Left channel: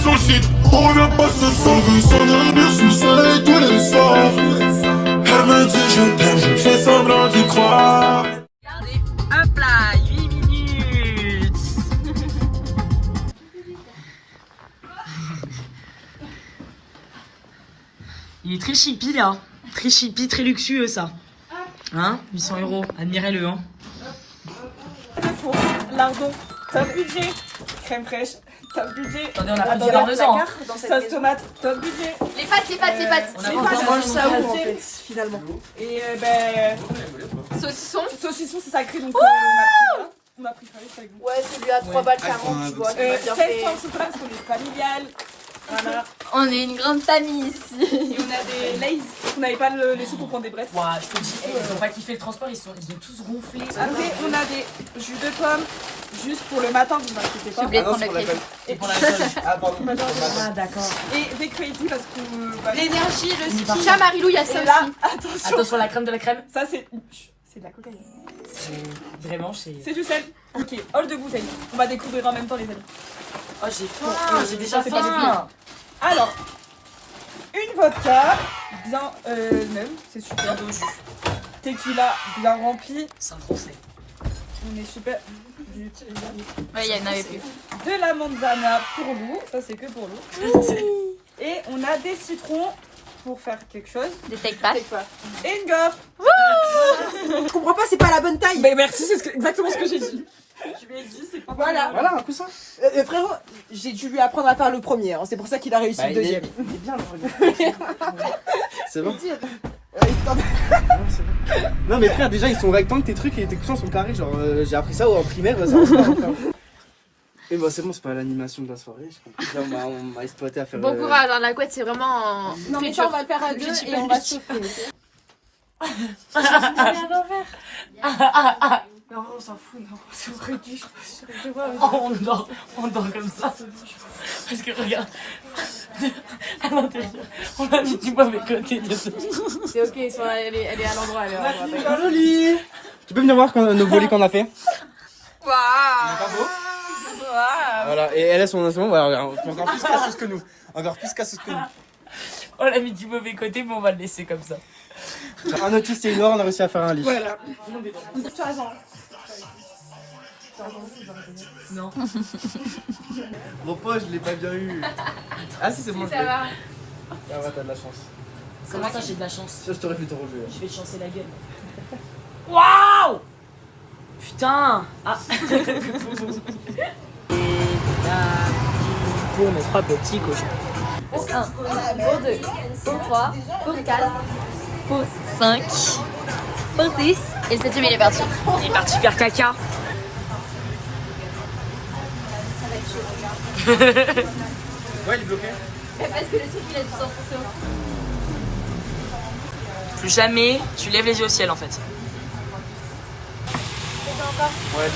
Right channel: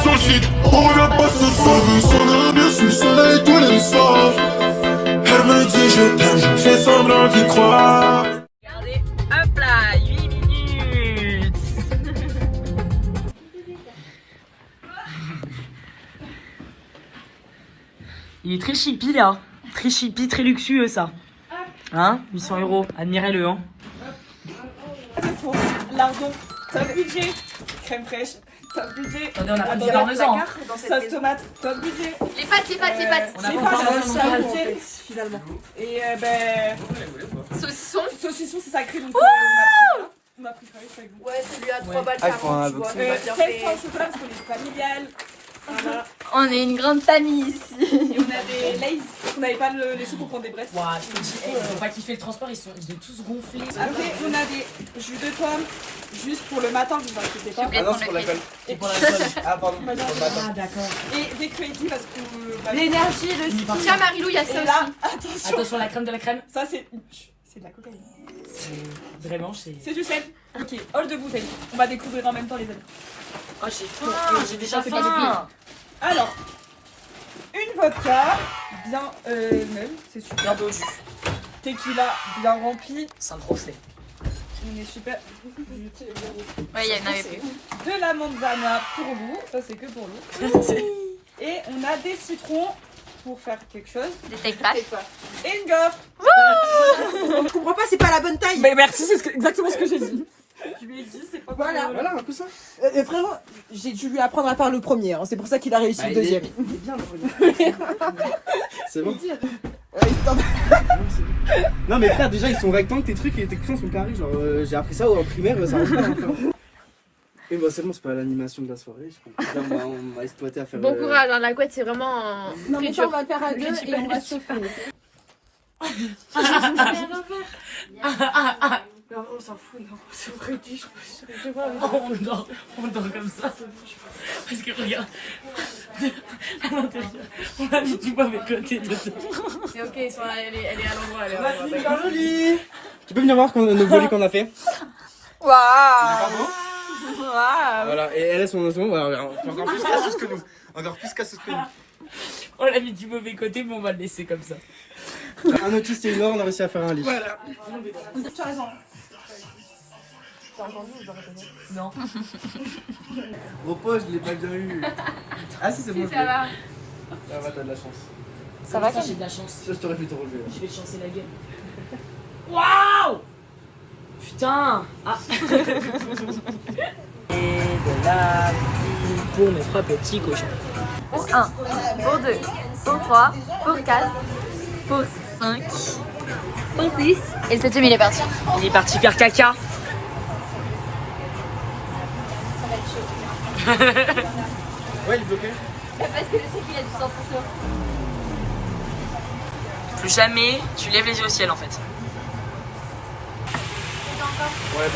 sur le site, on revient pas ce soir. Je veux s'endormir sous le soleil tous les soirs. Elle me dit je t'aime, je fais semblant d'y croire. Regardez, hop là, 8 minutes. Il est très chippy là, très chippy, très luxueux ça. Hein, 800 €, admirez-le hein. Lardon, top budget. Crème fraîche, top budget. Attendez, on a pris du parmesan. Sauce tomate, top budget. Les pâtes. On a Les pas pâtes, encore mangé top ça, budget, finalement. Et ben, saucisson, c'est sacré, donc on a pris ça avec vous. Ouais, celui à 3 balles 40, tu vois. 16 pains au chocolat parce qu'on est familial. Voilà. On est une grande famille ici. Et on a des Lays. On n'avait pas les sous pour prendre des brettes. Ouais, je te dis, ils ont pas kiffé le transport, ils ont tous gonflé. Après, on a des jus de pommes, juste pour le matin, vous inquiétez pas. Ah non, c'est pour l'alcool. Et pour l'alcool. Ah, pardon. Ah, d'accord. Et des crazy parce que. L'énergie, le Par ski. Ça, Marilou, il y a ça Et là, aussi. attention, La crème de la crème. ça c'est de la cocaïne. Vraiment, c'est. C'est du sel. Ok, hall de bouteille. On va découvrir en même temps les amis. Oh, j'ai faim, Donc, j'ai ça, déjà c'est pas faim. Alors, une vodka bien neuve, c'est super. Un peu juste. Tequila bien rempli. C'est un français. On est super. Ouais, il y en avait plus. De la manzana pour Lou, ça c'est que pour Lou. Et on a des citrons pour faire quelque chose. Des steak pâtes. Et une gaufre. Je comprends pas, c'est pas la bonne taille. Mais merci, c'est exactement ce que j'ai dit. Je lui ai dit, c'est pas Voilà. Voilà, un coussin. Frérot, j'ai dû lui apprendre à faire le premier, hein. C'est pour ça qu'il a réussi le deuxième. Il est bien le premier. C'est bon. Non mais frère, déjà ils sont rectangles tes trucs et tes coussins sont carrés. Genre j'ai appris ça en primaire, ça marche pas. Enfin. Et bah c'est bon, c'est pas l'animation de la soirée. Je comprends. Là, on m'a exploité à faire. Bon courage, hein, la couette, c'est vraiment. Non, mais ça, on va le faire à deux et on va chauffer. Non, on s'en fout, non. C'est vrai, je vois. On dort comme ça. Parce que regarde, à l'intérieur, on a mis du mauvais côté de ça. C'est ok, elle est à l'endroit, elle est à l'endroit. Joli. Tu peux venir voir nos volets qu'on a fait. Waouh! Voilà, et elle a son instrument, voilà, encore plus casseuse que nous. Encore plus casseuse que nous. On l'a mis du mauvais côté, mais on va le laisser comme ça. Un autiste et une noire, on a réussi à faire un lit. Voilà. Tu as raison. Non. Mon pote, je l'ai pas bien eu. Ah si, c'est bon. Ça va. Ah ouais, t'as de la chance. Ça va, Ça, j'ai de la chance. Ça, je t'aurais fait ton relever. Je vais te chancer la gueule. Waouh! Putain! Ah! Pour mes 3 petits cochons. Pour 1, pour 2, pour 3, pour 4, pour 5, pour 6. Et le 7ème, il est parti. Il est parti faire caca. Ouais, il est bloqué. Parce que le sec, il a du sang pour ça. Plus jamais, tu lèves les yeux au ciel en fait. Ouais,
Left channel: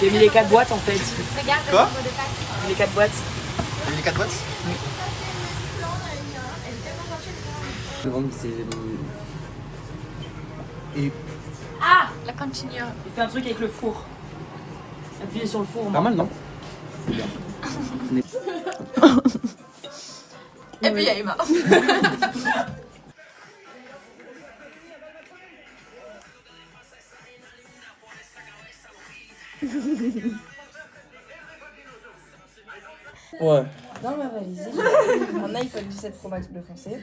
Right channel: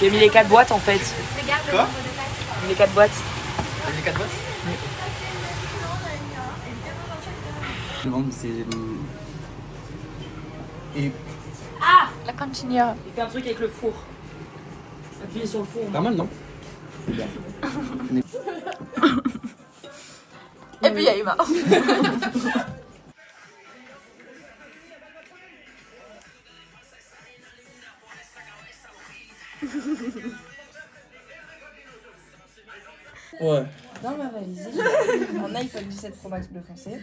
J'ai mis les 4 boîtes en fait. quoi? J'ai mis les 4 boîtes. T'as mis les 4 boîtes? Oui. C'est. Et La continuer. Il fait un truc avec le four. Appuyez sur le four. pas mal, non? Et puis il y a Emma. Ouais. Dans ma valise, j'ai un iPhone 17 Pro Max bleu foncé,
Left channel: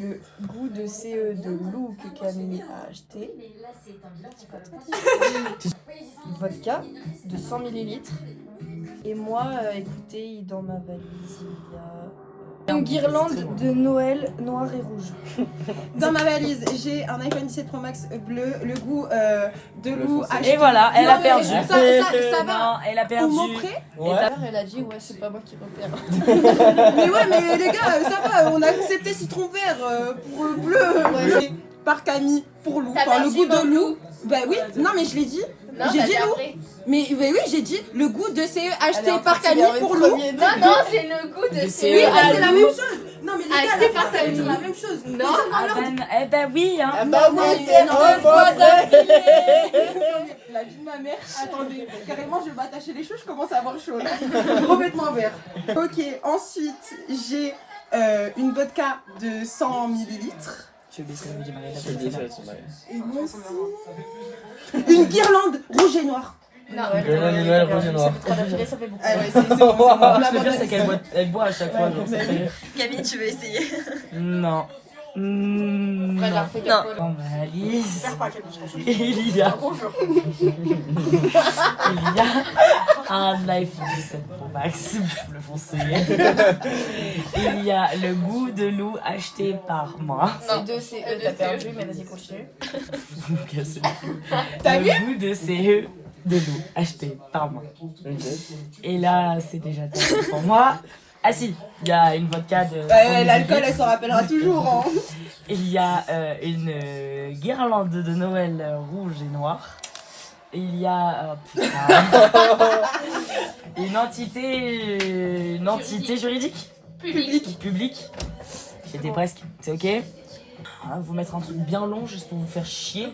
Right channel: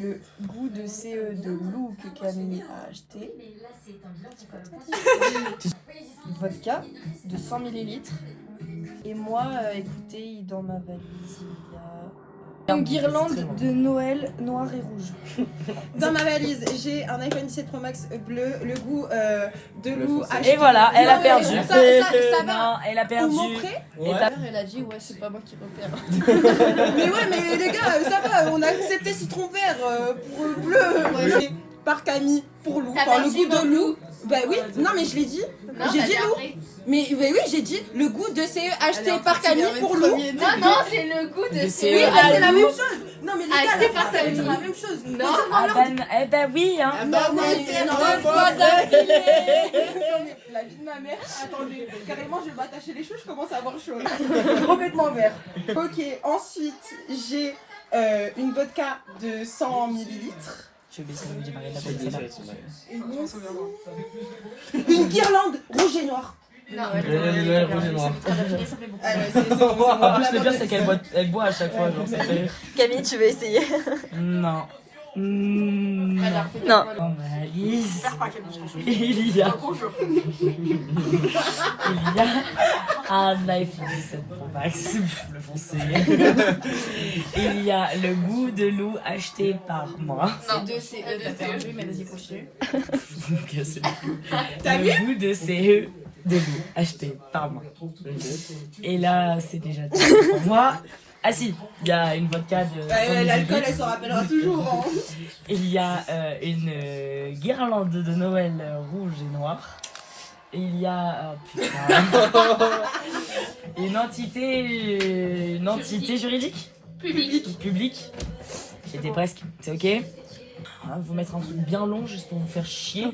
le goût de CE de Lou que Camille a acheté, vodka de 100 ml, et moi, écoutez, dans ma valise, il y a une guirlande de Noël noir et rouge. Dans ma valise, j'ai un iPhone 17 Pro Max bleu, le goût de Lou acheté. Et voilà, elle a Non, perdu. mais ça va. Non, elle a perdu. Au mot près. Ouais. Et ta mère, elle a dit, ouais, c'est pas moi qui repère. Mais ouais, mais les gars, ça va, on a accepté citron vert pour bleu. Ouais. Par Camille pour Lou, T'as enfin le perdu goût de pour Lou. Bah oui, non mais je l'ai dit. Non, J'ai t'as dit dit Lou. après. Mais oui, j'ai dit le goût de CE acheté par Camille pour Lou. Non, non, c'est le goût de C'est Oui, la c'est la Lou. même chose. Non, Non, mais les Acheté gars, par c'est Samy. la même chose. Non. Eh ben oui, hein. Ah bah oui, Non, mais la vie de ma mère, attendez, carrément je vais m'attacher les cheveux, je commence à avoir chaud là. Revêtement vert. Ok, ensuite j'ai une vodka de 100 millilitres. Je vais baisser le du mari de la Et moi aussi. Une guirlande rouge et noire. Non. Ah ouais, c'est bon, c'est bon. En plus, La le pire, bonne c'est qu'elle boit à chaque fois. Genre, ça fait rire. Camille, tu veux essayer? Non. Non. Dans ma valise, il y a un iPhone 17 Pro Max bleu foncé. Il y a le goût de loup acheté par moi. C'est deux CE, t'as perdu, mais vas-y, continue. Vous me cassez les couilles. Le goût de CE de loup acheté par moi. Et là, c'est déjà terminé pour moi. Ah si, il y a une vodka de... 100 L'alcool, millilitres. elle s'en rappellera toujours. Hein. Il y a une guirlande de Noël rouge et noire. Et il y a une entité juridique publique. J'étais presque, c'est ok. On va vous mettre un truc bien long juste pour vous faire chier.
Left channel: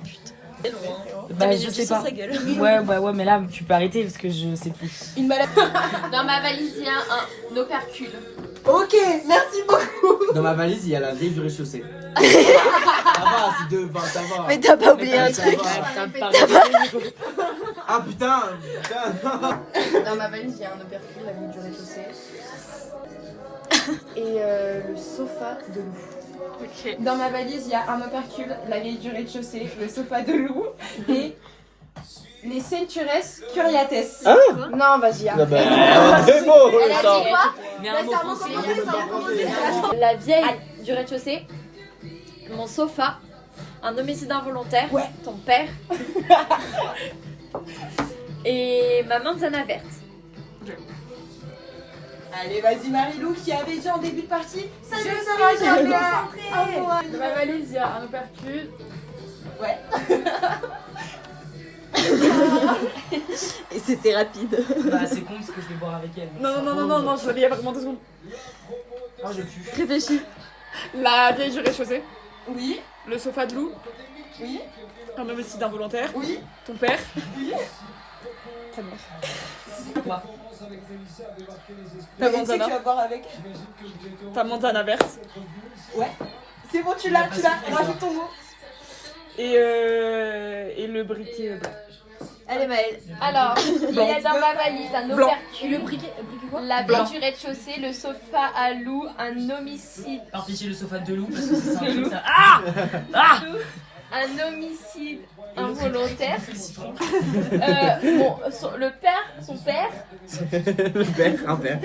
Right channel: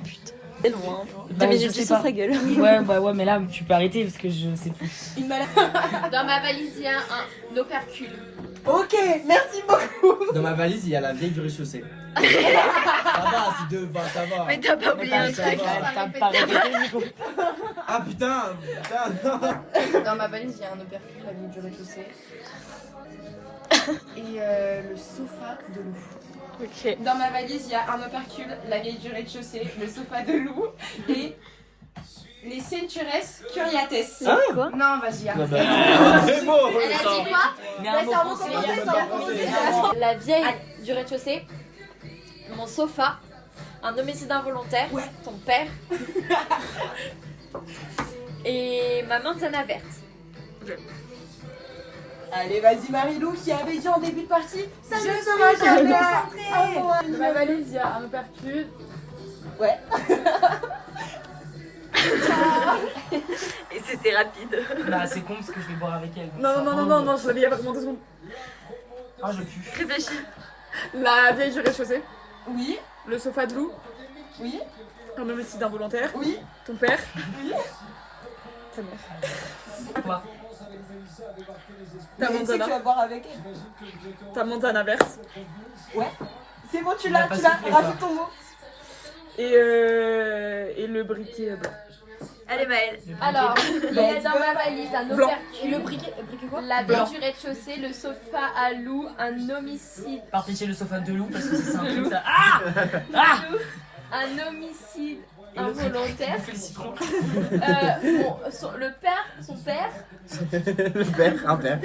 Bah je sais pas. Ouais, mais là tu peux arrêter parce que je sais plus. Une maladie. Dans ma valise, il y a un opercule. Ok, merci beaucoup. Dans ma valise, il y a la vieille du rez-de-chaussée. Ça va, c'est deux, ça va. Mais t'as pas oublié Ah, un ça truc. va. Ah putain. Dans ma valise, il y a un opercule, la vieille du rez-de-chaussée. Et le sofa de loup. Ok. Dans ma valise, il y a un opercule, la vieille du rez-de-chaussée, le sofa de loup et les Centures Curiates. Non, vas-y. C'est beau. La vieille du rez-de-chaussée, mon sofa, un homicide involontaire, ton père et ma manzana verte. Allez, vas-y Marilou qui avait dit en début de partie. Ça ne sera jamais. Dans ma valise, il y a un opercule. Ouais. Et c'était rapide. Bah c'est con parce que je vais boire avec elle. Non, je l'ai il y a vraiment 2 secondes. Ah je pue. Réfléchis. La vieille du rez-de-chaussée. Oui, Le sofa de loup. oui, Un homicide involontaire. oui. Ton père. Oui. Ta mère. Quoi? Ta Mais tu sais que manzana. tu vas boire avec. Ta manzana verte. C'est bon, tu l'as, pas tu vas soufflé, rajoute ton mot. Et le briquet blanc. Allez Maëlle. Alors, il y a dans ma valise un Blanc. opercule, Le briquet quoi? la vieille du rez-de-chaussée, le sofa à loup, un homicide, Partez chez le sofa de loup parce que c'est un truc ça. Ah un homicide involontaire. Le père, son père, Le père, un père.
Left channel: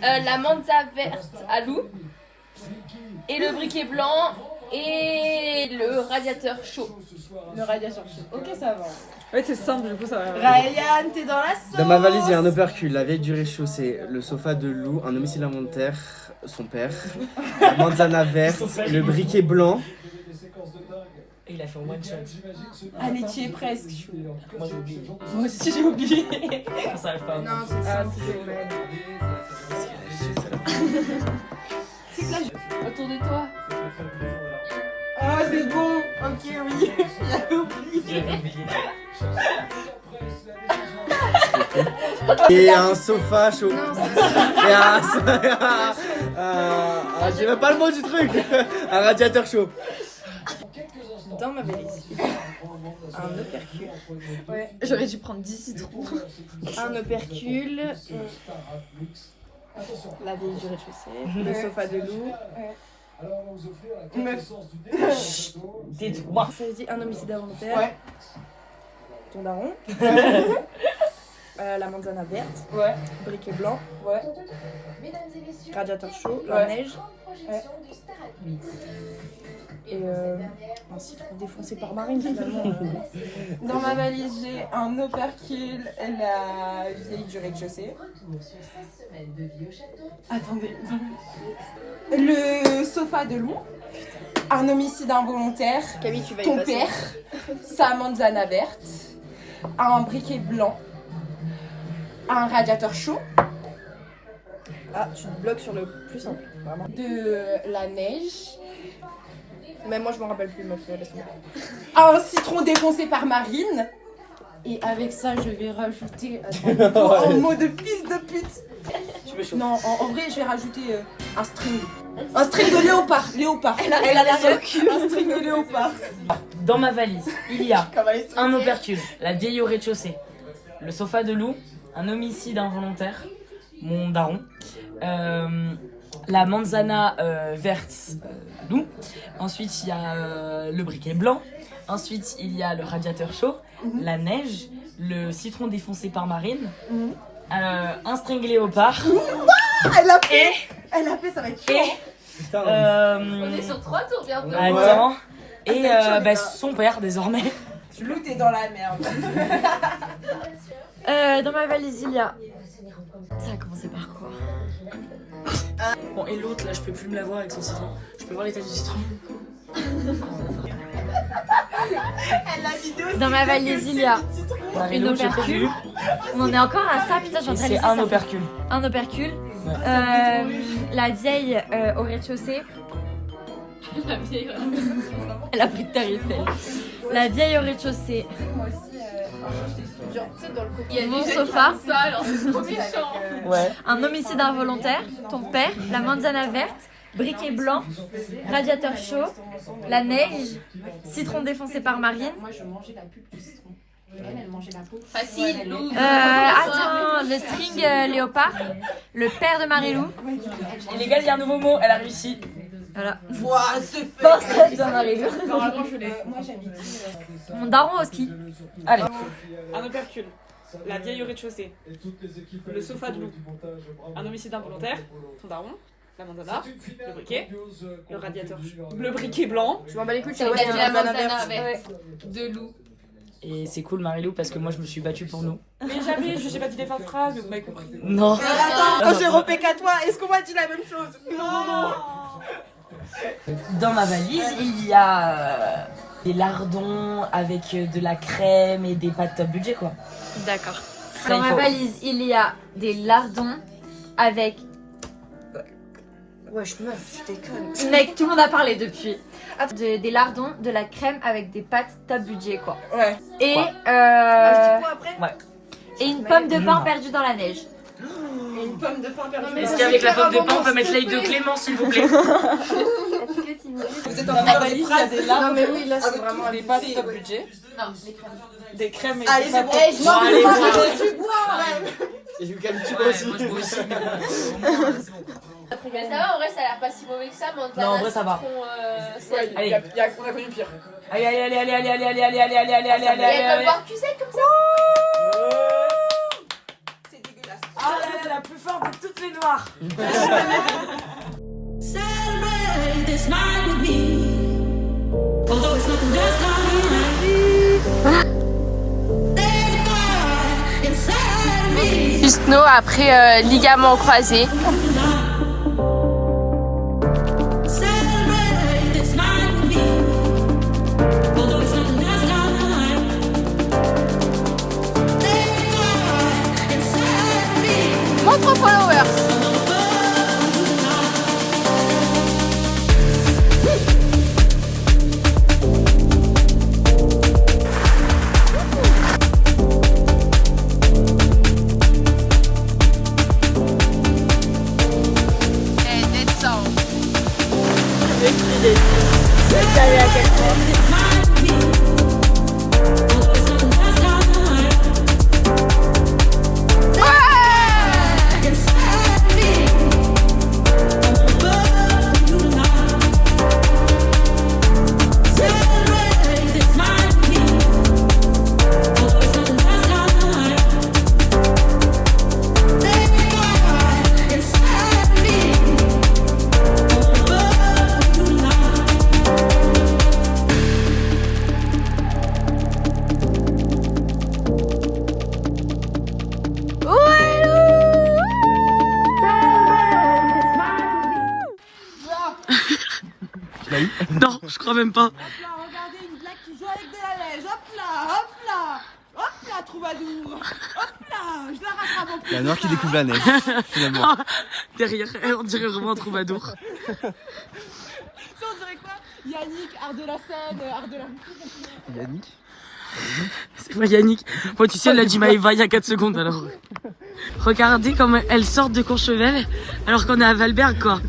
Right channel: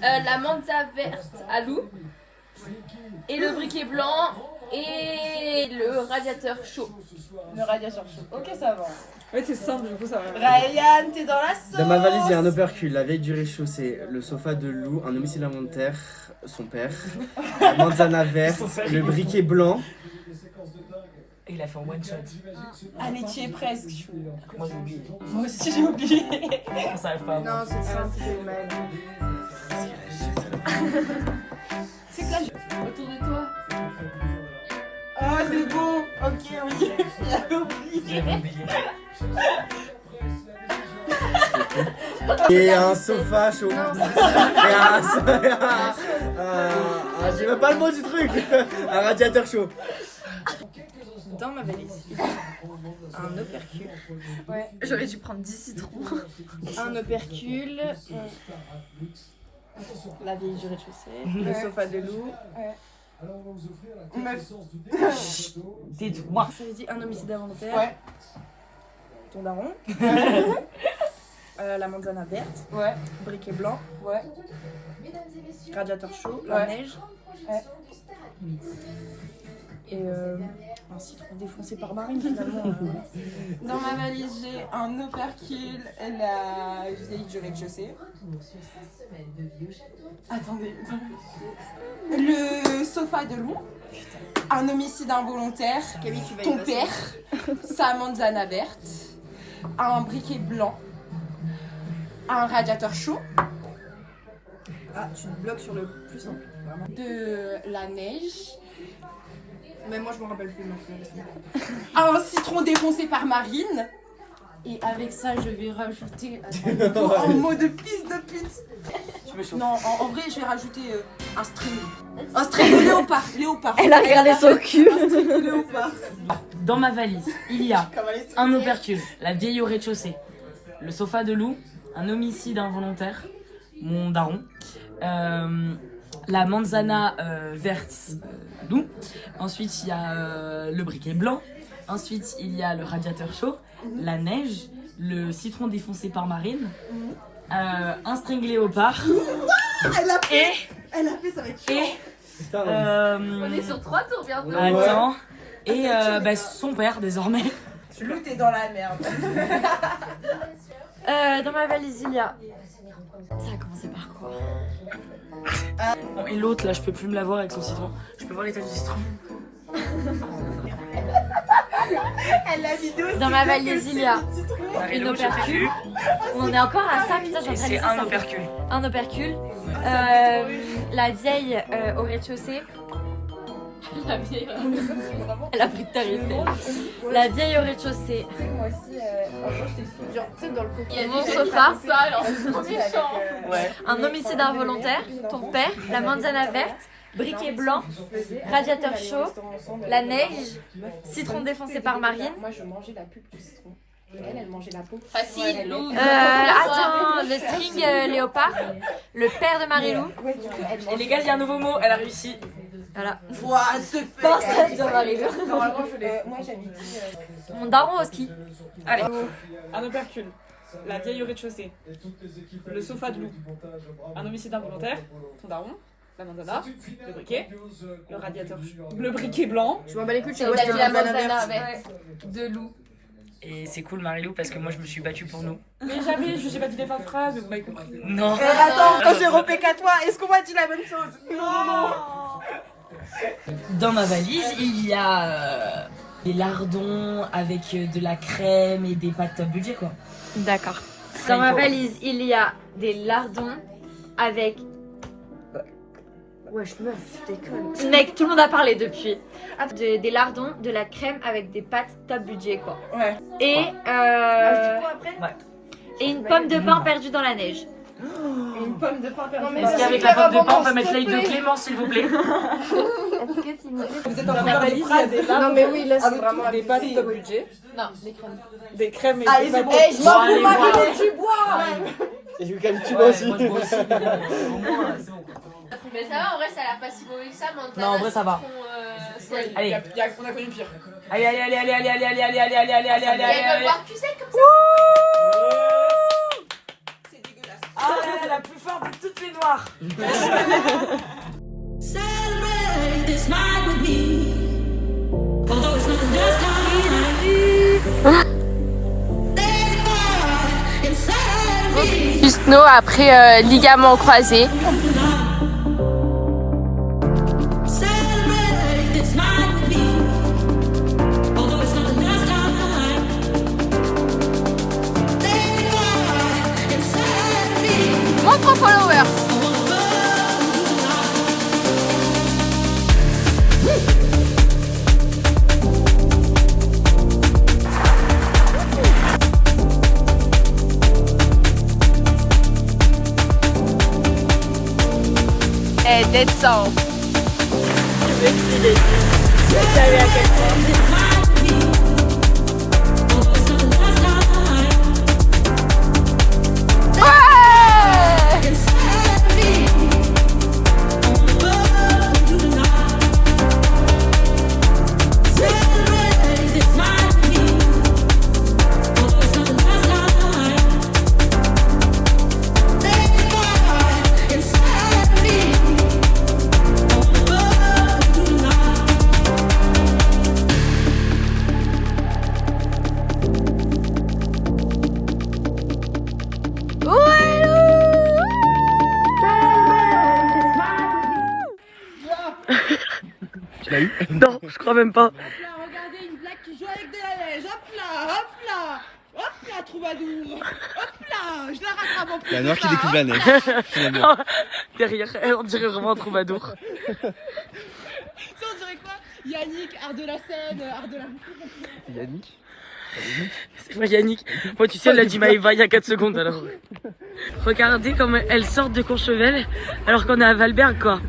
la manza verte à loup, et le briquet blanc, et le radiateur chaud. Le radiateur chaud. Ok, ça va. Ouais, c'est simple, du coup, ça va. Ryan, t'es dans la sauce. Dans ma valise, il y a un opercule, la vieille du rez-de-chaussée, le sofa de loup, un homicide involontaire, son père, la manzana verte, le briquet blanc. Et il a fait un one shot. Allez, tu es presque. Moi j'ai oublié. Moi aussi, j'ai oublié. Ça arrive pas. Non, c'est simple, c'est mal. C'est que là, Autour de toi. Ah, c'est bon. Ok, oui. J'avais oublié. J'ai oublié. Et un sofa chaud. Non, Et j'ai même pas le mot du truc. Un radiateur chaud. dans ma valise, il y a un opercule. Ouais. J'aurais dû prendre 10 citrons. Un opercule. La vieille du rez-de-chaussée. Le sofa de loup. Meuf. Tais-toi. Ça veut dire un homicide involontaire. Ouais. Ton daron. La manzana verte. Ouais. Briquet blanc. Ouais. Radiateur chaud. La Ouais. neige. Ouais. Et un citron défoncé par Marine finalement. Dans ma valise, j'ai un opercule, la vieille du rez-de-chaussée. Attendez. Le sofa de loup. Un homicide involontaire. Camille, tu vas y Ton passer. père. Sa manzana verte. Un briquet blanc. Un radiateur chaud. Ah, tu te bloques sur le plus simple, vraiment. De la neige. Mais moi, je m'en rappelle plus, meuf, laisse-moi. Un citron défoncé par Marine. Et avec ça, je vais rajouter. Attends, en mot de fils de pute. Tu me chauffes. Non, en vrai, je vais rajouter un string. Un string de léopard. Léopard. Elle a sur le cul. Un string de léopard. Dans ma valise, il y a Comme elle est un opercule, la vieille au rez-de-chaussée, le sofa de loup, un homicide involontaire, mon daron, la manzana verte loup. Ensuite, il y a le briquet blanc. Ensuite, il y a le radiateur chaud, la neige, le citron défoncé par Marine, un string léopard Elle a fait, et ça va être chaud. On est sur 3 tours bientôt. attends, et son père désormais. Lou, t'es dans la merde. Dans ma valise, il y a... Ça a commencé par quoi? Bon, et l'autre là, je peux plus me la voir avec son citron. Je peux voir l'état du citron. Dans ma valise, il y a une Marie-Lou, j'ai opercule. prévu. On en est encore à ça, putain, j'ai Et c'est un opercule. Un opercule. La vieille au rez-de-chaussée. La vieille. Elle a pris de tarif, elle. La vieille au rez-de-chaussée. Mon sofa. Ça, alors, c'est trop méchant. Ouais. Un homicide involontaire. Ton père. La manzana verte. Briquet blanc. Radiateur chaud. La neige. Citron défoncé par Marine. Moi, je mangeais la pub du citron. Elle mangeait la peau. Facile, Lou. Attends, le string léopard. Le père de Marie-Lou. Et les gars, il y a un nouveau mot, elle a réussi. Voilà. Ouah, c'est Portrait de Marie-Lou. Normalement, je l'ai. Moi, j'ai mis. Mon daron au ski. Allez. Un opercule, la vieille au rez-de-chaussée, le sofa de loup, un homicide involontaire, ton daron, la manzana, le briquet, le radiateur, le briquet blanc. Je m'en bats les couilles, Il a dit la manzana verte de Lou. Et c'est cool, Marie-Lou, parce que moi, je me suis battue pour nous. Mais jamais, j'ai pas dit les fins de phrase, mais vous m'avez compris. Non. Attends, quand j'ai repé qu'à toi, est-ce qu'on m'a dit la même chose? Non. Dans ma valise, il y a des lardons avec de la crème et des pâtes top budget, quoi. D'accord. Ça, Dans il ma faut. valise, il y a des lardons avec. Wesh, meuf, je déconne. Mec, tout le monde a parlé depuis. Des lardons, de la crème avec des pâtes top budget, quoi. Ouais. Et, et une pomme de pain perdue dans la neige. Et une pomme de pain perdue. Est-ce qu'avec la pomme de pain, on peut mettre l'œil de Clément, s'il vous plaît? Vous êtes dans ma valise, il y a des larmes. Non, mais oui, là, c'est vraiment Des pâtes top budget, Non, les crèmes. des crèmes et Allez, des c'est pâtes bon. top Bon, allez, boire. Tu bois. Et je lui calme, tu Ouais, aussi. moi, je bois aussi. Mais bon, au moins, c'est bon. Mais ça va, en vrai, ça a l'air pas si mauvais que ça, mais Non, en vrai, ça va. Ouais, Allez. on a connu pire. Allez, allez, allez, allez, allez, allez, allez, allez, allez, allez, allez, allez, allez, Et elle va allez. boire cul sec comme ça. C'est dégueulasse. Ah là là, la plus forte de toutes les noires. Celebrate this night with me. Although it's not the last time. There's a fire inside of me. Pisno après ligament croisé. Celebrate this night with me. Although it's not the last time. There's a fire inside of me. Montre follower. I wanna burn you tonight. Et descend. Non, je crois même pas. Hop là, regardez une blague qui joue avec de la neige. Hop là, hop là. Hop là, là, troubadour. Hop là, je la rattrape en plus. Il y a Noir qui découvre la neige. Finalement. Derrière, on dirait vraiment un troubadour. Ça, on dirait quoi? Yannick, art de la scène, art de la... Yannick. C'est pas Yannick. Bon, tu sais, elle a dit Maëva il y a 4 secondes alors. Regardez comme elles sortent de Courchevel alors qu'on est à Valberg quoi.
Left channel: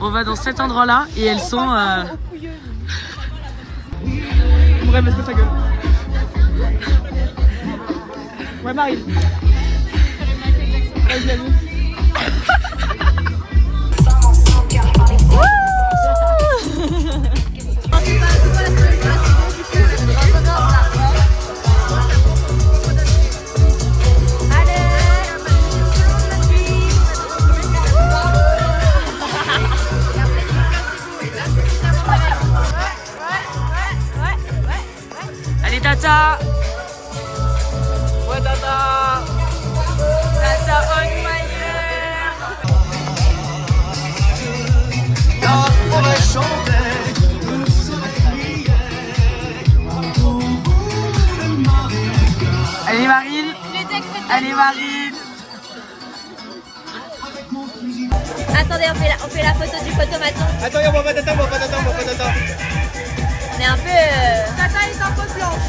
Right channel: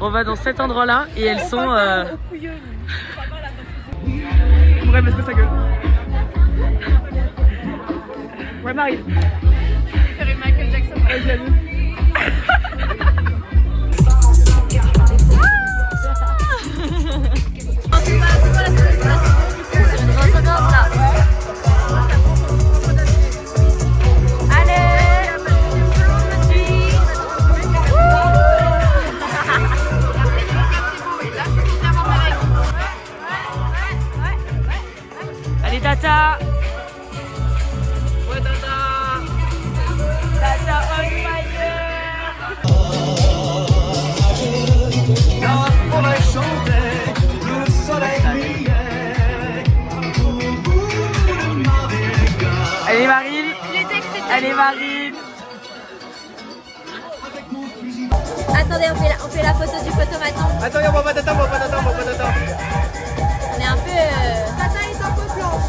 On va dans cet endroit là et elles sont. Ouais, parce que ça gueule. Ouais, Marie. Allez Tata. Ouais Tata. Tata on fire. Allez Marine. Allez Marine. Attendez, on fait la photo du photomaton. Attends, on va pas t'attendre, on va pas t'attendre. On est un peu... Tata est un peu blanche.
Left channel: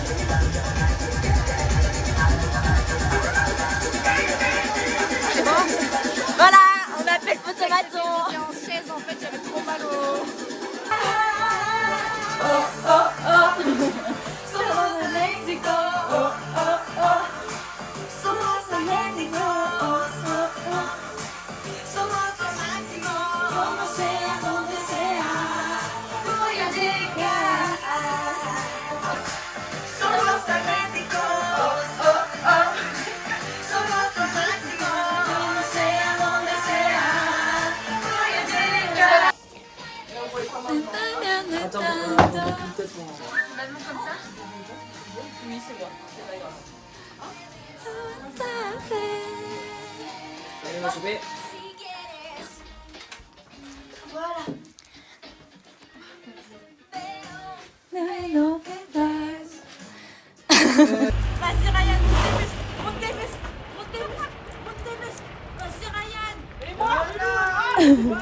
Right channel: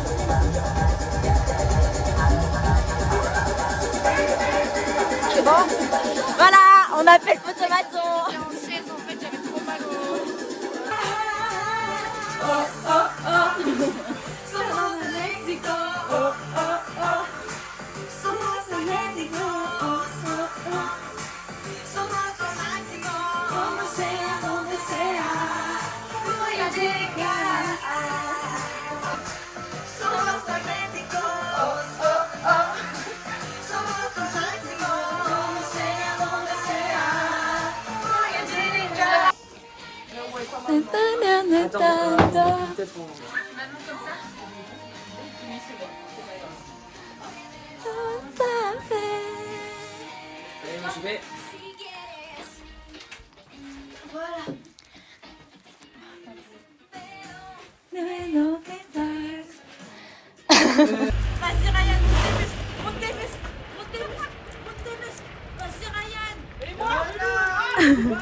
C'est bon? Voilà, on a fait le photomaton. En chaise, en fait, j'avais trop mal au... Allez, moi je vais. Vas-y Ryan, monte tes muscles. Vas-y Ryan. Et moi